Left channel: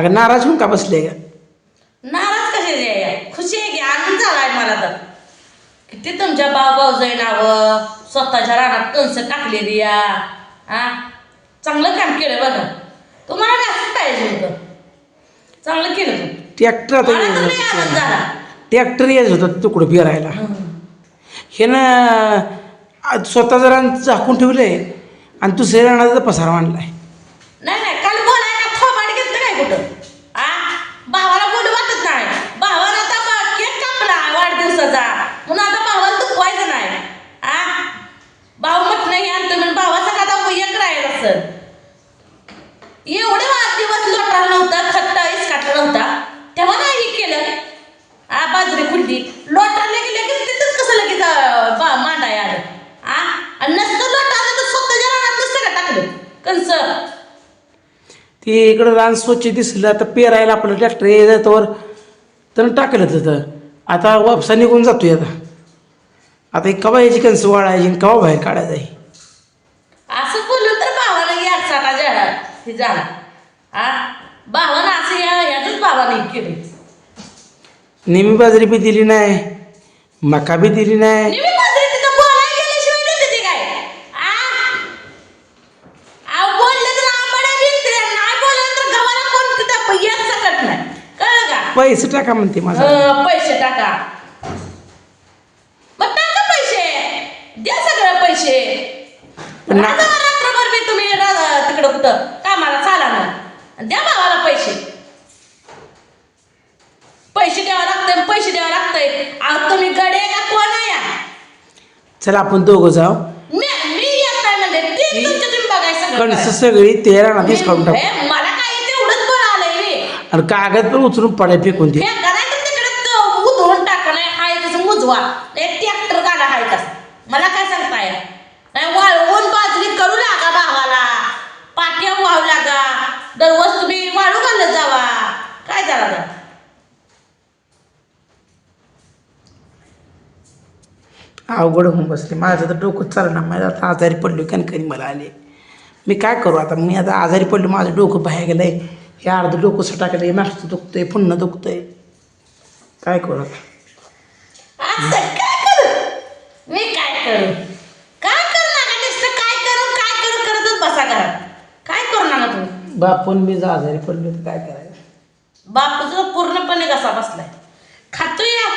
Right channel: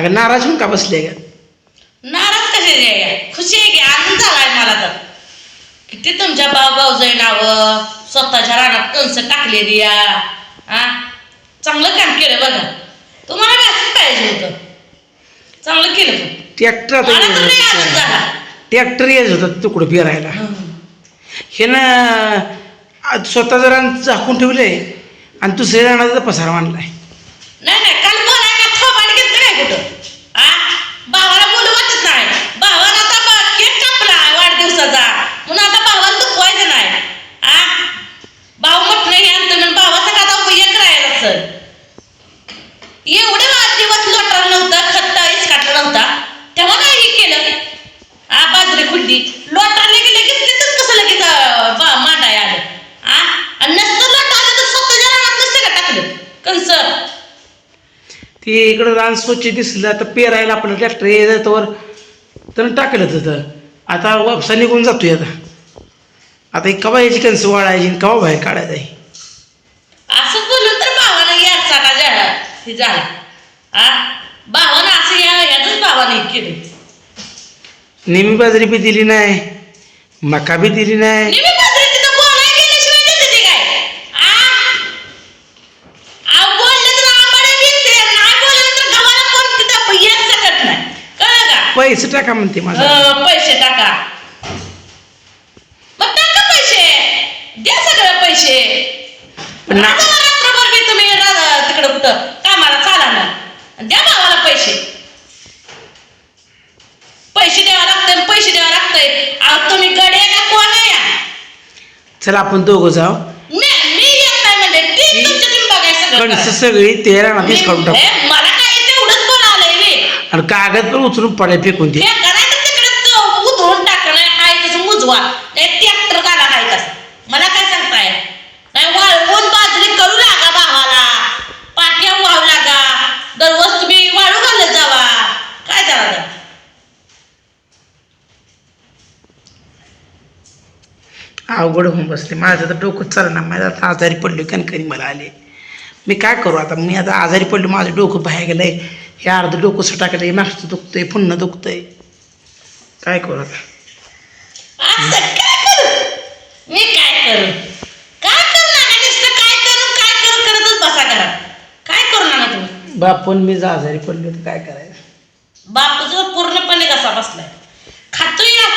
अगं नाराज होऊन का बसले का नाराज आहे खुशी आहे की? आनंद झालाय मला तर. किती तुमच्या भाऊ भाऊजाई नावं? स्वतःच्या रानात कणस टाकलेली या. हा चांगलं काम केलं बघा. तुम्हाला असंच पाहिजे होतं. चांगलं केलं पण. ट्रॅक्टर आता मला तर लय आनंद येत झाला. ट्रॅक्टर येत होता तुकडं फिरायला. हे ना स्वतः जरा झाकून ठेवलंय आणि दुसऱ्या राणाचा पसारा मांडलाय नाही नाही काल बोलाय का थोबाड घेतलं काय कुठं आ भावाला बोलू वाटत नाही भावाला आता बा- केक कापला वाढदिवसाचा म्हणून आता भावाला दुखवायचं नाही आ भाऊ म्हटलं हे आणतं म्हणून भावाचा का आता एक राहिला सर एवढे वाढदिवस लोटाला नव्हता खत्ता इसकाटला नव्हता तेव्हा नाही हे केलं आ बाजरी खुडली लोटाले की लगेच तिथंच कसं लगेच अं, बा मांडाय आलं आ आणि नसतं लोट आलं तर स्वतःच्या रानात सगळं टाकलं कंस ते इकडं रान स्वच्छ दिसलं आता पेरायला आपलं ट्रॅक्टर येतवर तर टाकलं तिथं. आता वापसा निघून जातोय आता. आता एक कवा याची कणसं वाळायची आणि कवा बाहेर काढायचं आहे असं बोलून तर भावानं या साठा जा हे झाला. आ? भावानं असं या याच भावाने केले नेहमी बाजरी बी दिली नाही मका बी दिली नाही नेहमी बाजरी तिथं बोलाय गेल्याशिवाय देते ते काय आ अहो बोललं तर आंबाड्या विकते नाही बोललं तर गव्हाला कोण तिथं येत सकत नाही कळलं का पैसे टाका म्हणते माझा. हं, पैसे टाका. मग टाका पैसे. द्या सगळं पैसे. पण ना- राजा रात्रभर बी तुम्ही रा- तिकडं कुठं कामाला चाला ना. द्या भावाला पैसे. पैसे द्यावा लागतंय पैसे द्यावा लागतंय. अहो तुम्ही गडे का कोण आहे या? चला आपण दोघं जाऊ. मी मी येत नाही म्हणजे ती तुमच्या तुम्ही बघाय सगळं कणसं. सगळी. तेरा नादीच काढून मी- टाकू ए, मला काय तेवढंच बोलावलंय रे आणि कागद पण उचलून पडाय फेकून दे. उधळून टाकणं हाय तसं मुजवा. नाही ट्रॅक्टर काढा हाय कसं मला काय सांगताय? नाही वाळवून बाजरी करू लागा भावाला. पाट्या वाहू लागा. दररोज तुम्ही वाळू घालत जावा. काय जावा अवघड होऊन बसले. माझं तर डोकं चालणार माझं आता आजारी पडलो कणकणी मला आले. मी काय करू आता? मी आता आजारी पडलो माझं डोकं बाहेर गेलंय. हे अर्धं डोकं सटाकलंय मागचं दुखतंय पुन्हा दुखतंय. काय करू आता? करू? मी काय करू? काय करू नका नुसतं काय करू काय करू करतच बसा घरात. काय करू नका तुम्ही? बापून मी जर आजारी पडलो तर काय करायचं? बापूचं पूर्णपणे कसा बसलाय. खातोय या.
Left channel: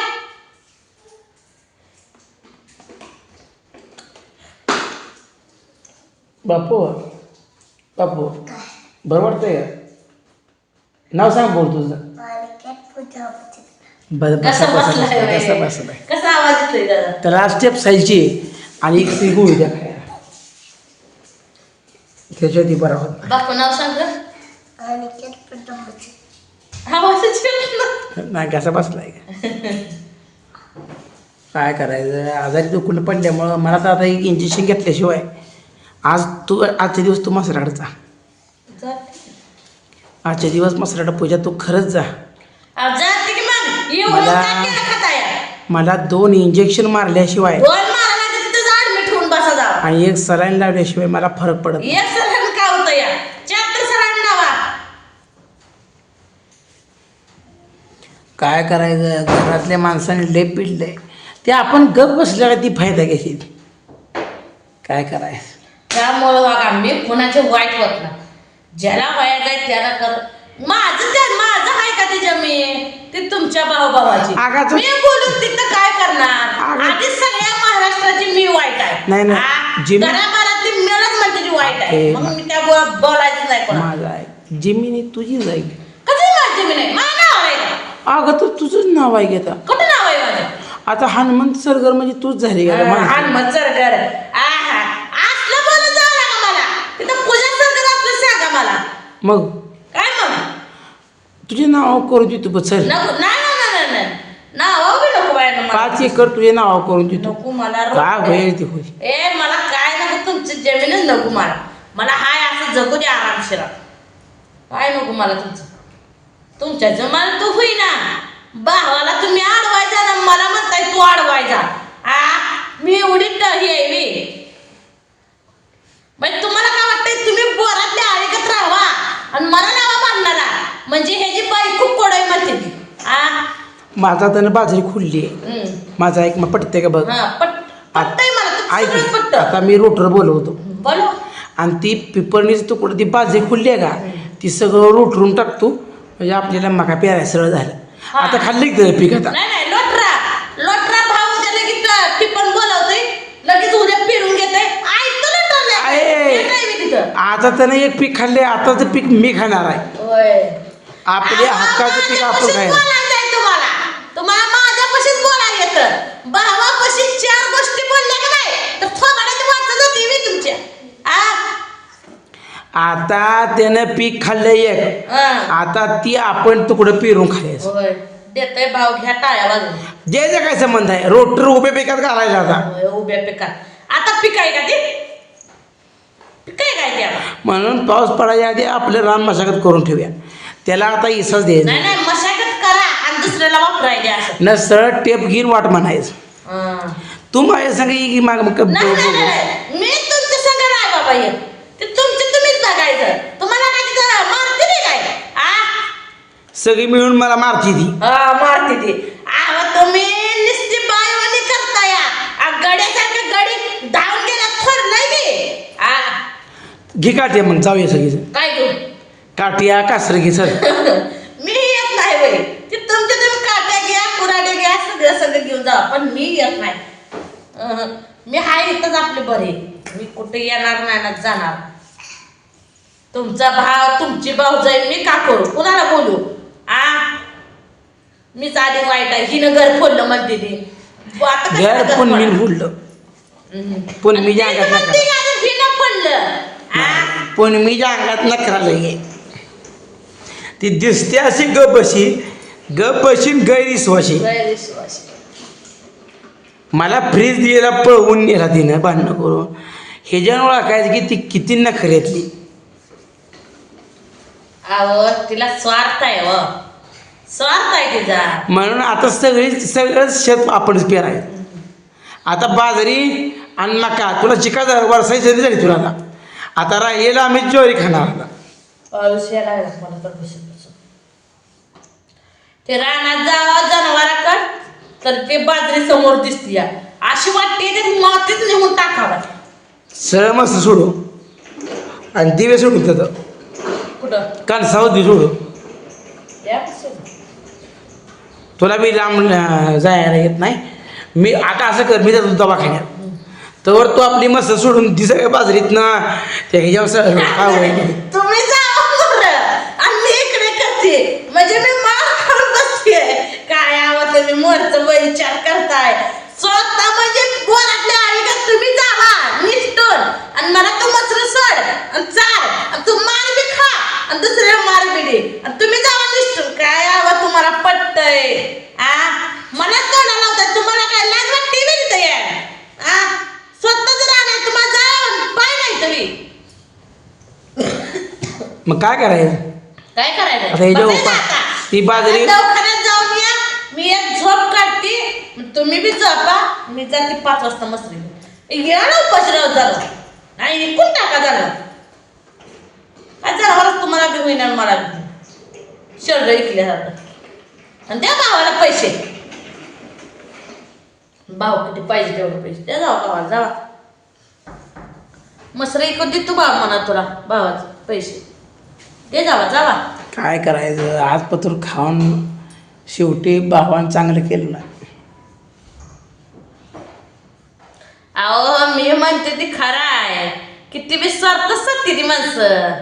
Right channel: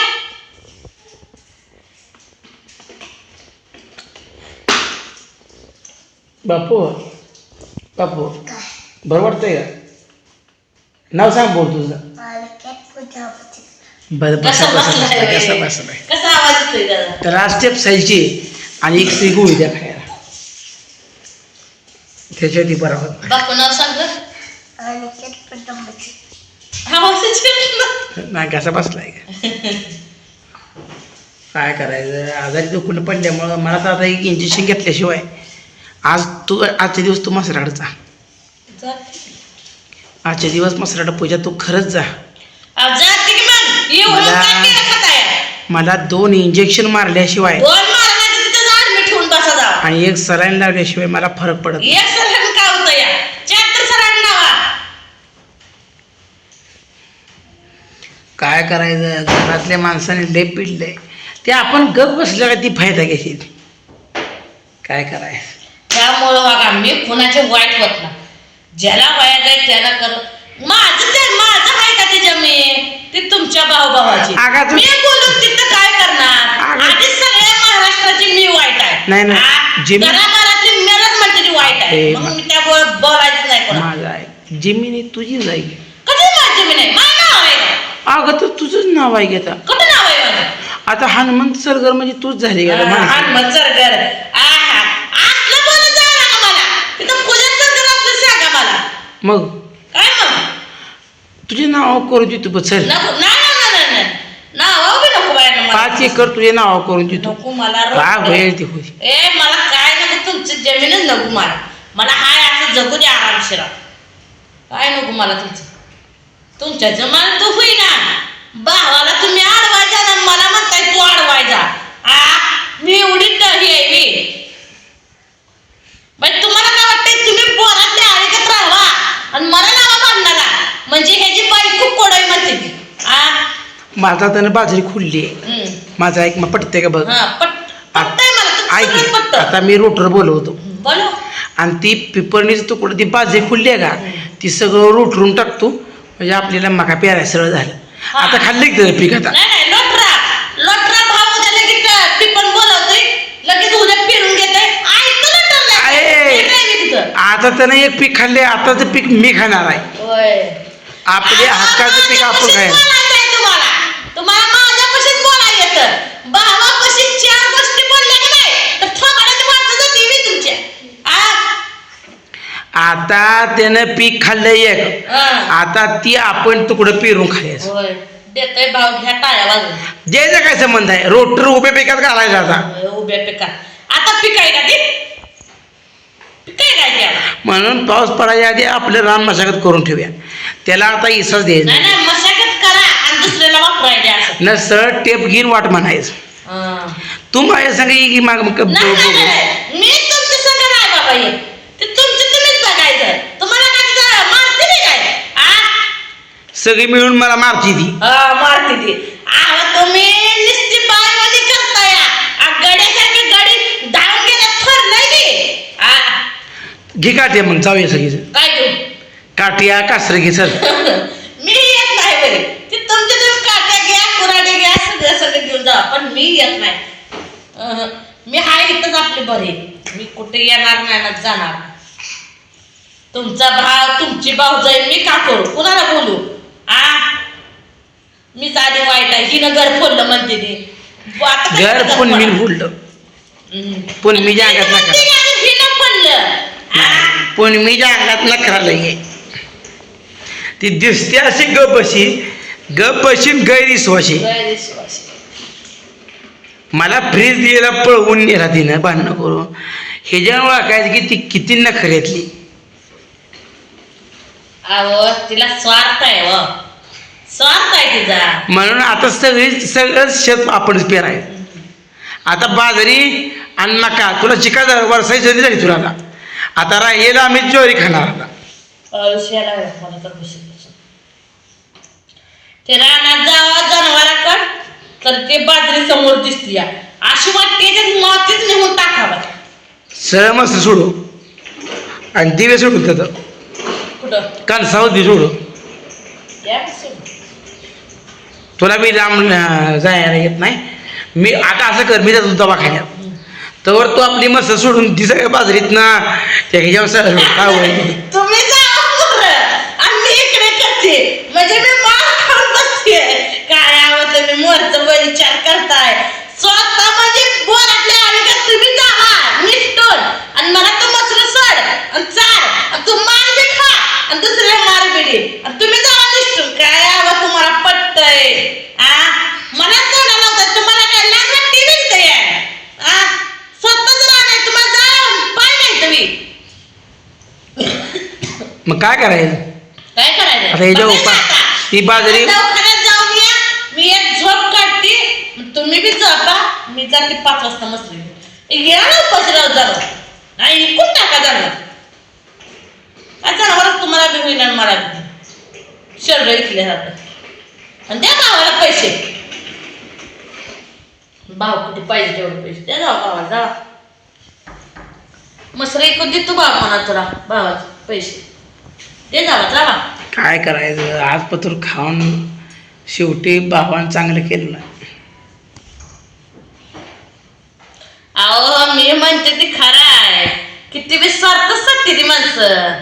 बापू बापू बरं वाटतंय का? नाव सांग बोल तुझं बरं बसा बसा बसा कसा बसलाय कसा आवाज येतोय तर आज स्टेप आणि एक सी गोळी द्या खायला त्याच्या ती बरा होत नाही. बापू नाव सांग गं. आवाजच येत नाही. नाही कसा बसलाय का काय करायचं आजारी दुखून पडल्यामुळं मला तर आता एक इंजेक्शन घेतल्याशिवाय आज तू आजच्या दिवस तू मसराडचा जाते. आजच्या दिवस मसराड पूजा तू खरंच जा. मला- मला दोन इंजेक्शन मारल्याशिवाय आणि एक सलाईन लावल्याशिवाय मला फरक पडत काय करायचं? घरातल्या माणसाने लय पिडलंय. ते आपण गप बसल्या का ती फायदा घ्यायची काय करायचं? त्यामुळं बघा मी कुणाचे वाईट होत ज्याला वाया जाईल त्याला कर. माझं त्या माझं आहे का ते जमीन ती तुमच्या भाऊभावाची. अगं तू- मी बोलून तिथं काय करणार? आधी सगळ्या महाराष्ट्राची मी वाईट आहे. नाही, नाही. आ, जमीन- घराघरातली मेलच म्हणते ती वाईट आहे. ए, मग मी त्या बो- बोलायचं नाही कोणा माझा आहे. जमिनी तुझी जाईल कधी माझी जमीन आहे? माझं नाव आहे का? अगं तर तुझंच नाव आहे घेता कुठं नाव आहे माझं? आता हनुमंत सरगर म्हणजे तूच झाली का आहा असलं बोलत जा ना मला तिथं पूजा सरकार असलं सांगा मला मग? काय मग? तुझे नाव करून देतो चल. नको नाही नाही नाही नाही नाव बी नको बाय मला. पाच एकर तुझे नाव करून देतो. नको मला काय होईल ते होईल ए मला काय नको तुमची जमीनच नको मला. मला हाय असं जगू द्या आरामशिरा. काय नको मला तुमचं? तुमच्या जमान्यात तू होईना. भावाला तुम्ही अडवायचा ना मला म्हणताय तू अडवायचा आ मी एवढी ड- ही आहे मी बाई तुम्हाला काय वाटतंय तुम्ही बोरातल्या आळीकत राहावा आणि मला लावा बांधणारा म्हणजे ह्याची बायको कोडाई म्हणते ती आ माझा त्यानं बाजरी खुलली आहे. माझा एक मग पटते का बघ? ऐक की. आता मी रोटर बोलवतो. बोलो आणि ती पिपरणीचं तुकडं ती बाजरी खुलली आहे का? ती सगळं रोटरून टाकतो. म्हणजे आपल्याला मका पेराय सरळ झालं. आता खाल्लं की त्याचं पीक आता? नाही नाही लोटरा. लोटरा भाव उद्या लगेच ती पण बोलवतोय. लगेच उद्या फिरून घेतोय. ऐकतो लोटरला आहे. नाही मी तिथं? आता त्यानं एक पीक खाल्ले आताचं पीक मी खाणार आहे. आपले हक्काचं पीक आपण खायला. तुम्हाला माझ्यापाशीच बोलायला येतं भावापाशी चार गोष्टी बोलल्या का नाही? तर थोबाडाची वाचत होती मी तुमच्या आ? आता त्यानं पीक खाल्लं एक. आता ती आपण तुकडं पेरून खायचं. देतोय भाव घ्या टाळ्या वाजून द्यायचा काय संबंध आहे? रोटर उभे पिकात घालायचा आता. उभ्या पिकात. आता पिकाय का ते? काय त्याला म्हणून पाऊस पडायच्या आधी आपलं रान मशागत करून ठेवूया. त्याला आता इसाच द्यायचा. नाही वापरायचे असं. न सरळ टेप घेऊन वाट म्हणायचं. हा. तू माझ्या संग की माग नाही, नाही, बघू. नाही. मी तुमच्या संग नाही बाबा हे ते तुमचं तुम्हीच बघायचं. तुम्हाला काय तिथं मारते नाही काय? आ? सगळी मिळून मला मारती ती. हा मारते ती. आव तुम्ही नुसती बायवाली करता या आ, गड्यासारखी गडी धावून की? आ? घे मग जाऊया सगळीच काय काठिया कासर घे सर मी येत नाही बरे ते तुमच्या तुम्ही काट्या घ्या कुराडे घ्या सगळं सगळं घेऊन जा पण मी येत नाही मी हाय इथंच आपले बरे. मी कुठे येणार नाही ना जाणार. तुमचा भाव तुमची भाऊ जाईल मी का करू? कुणाला बोलू? आ? मीच आधी वाईट आहे. हिनं घर फोडलं म्हणते ती. आता घर घर पण मी? फुडलं. हम्म. पण मी नका म्हणते का हिनं पडलं आ? पण मी ज्या अंगात नकरा लई ती दिसते अशी गप बशी गप गैरविश्वाशी गैरविश्वासी. मला फ्रीज दिलेला पळवून नेला तिनं भांडणं करून. ह्याच्यामुळे ओळखायचं की ती किती नखऱ्यातली अहो तिला स्वार्थ आहे व स्वार्थ आहे तिचा. म्हणून आता सगळी सगळं शेत आपणच पेरायचं आता बाजरी आणि मका तुला चिका वर्षाची संधी झाली तुला आता. आता राहिलेला आम्ही ज्वारी खाणार आता. आयुष्याला मला तर. ते रानात जावा जनावराकड. तर ते बाजरी समोर दिसते या अशी वाटते ते मातीच निघून टाकावा. सरळ मस्त सोडू. आणि दिवे सोडू त्याचं. कुठं? कणसावरती सोडू. या? तुला मी लांब अं, जायला येत नाही. मी आता असं कर मी जातो दवाखान्यात. तर तू आपली मस्त सोडून ती सगळ्या बाजरीत ना त्या ह्याच्यावर सरळ काय होईल? तुम्ही जावा बरं. आणि मी इकडे करते म्हणजे मी मार खाऊन बसते काय आवत मी मोरचं विचार करताय स्वतः म्हणजे बोरातल्या आयुष्यात तुम्ही जावा निष्ठून आणि मला तो मसर सोड आणि चार आणि तू मार बी खा आणि दुसऱ्या मार बी दे आणि तुम्ही जावा निष्ठून काय आवा तुम्हाला पटतंय आ मला तोंडा लावताय तुम्हाला काय लाज वाटते बी आ स्वतः जर आणाय तुम्हाला जा पाय नाही तुम्ही मग काय करायचं? काय करायचं? आता हे पा- आता. ती बाजरी- आता दवाखान्यात जाऊन या. मी एक झोप काढते. तुम्ही बी झोपा. मी जाते पाच वाजता मसरी या ना उपासराव जरा. नाही इकून टाका जरा. काय जनावरच तुम्हाला बी होईना आणि मला बी. शरीर इकल्यासारखं. आणि द्या भावाला पैसे. भाव किती पाहिजे तेवढे पैसे. द्या जाऊ भावाला जावा मसरा इकून दे तू भाव म्हणा तुला. भावाचे पैसे. दे जावा जावा. काय करायचं? आज पत्र खाऊन शेवटी भावानं चांगलं केलं नाही. अहो मी म्हणते ती खरं आहे. किती बी स्वार्थ ती माणसं.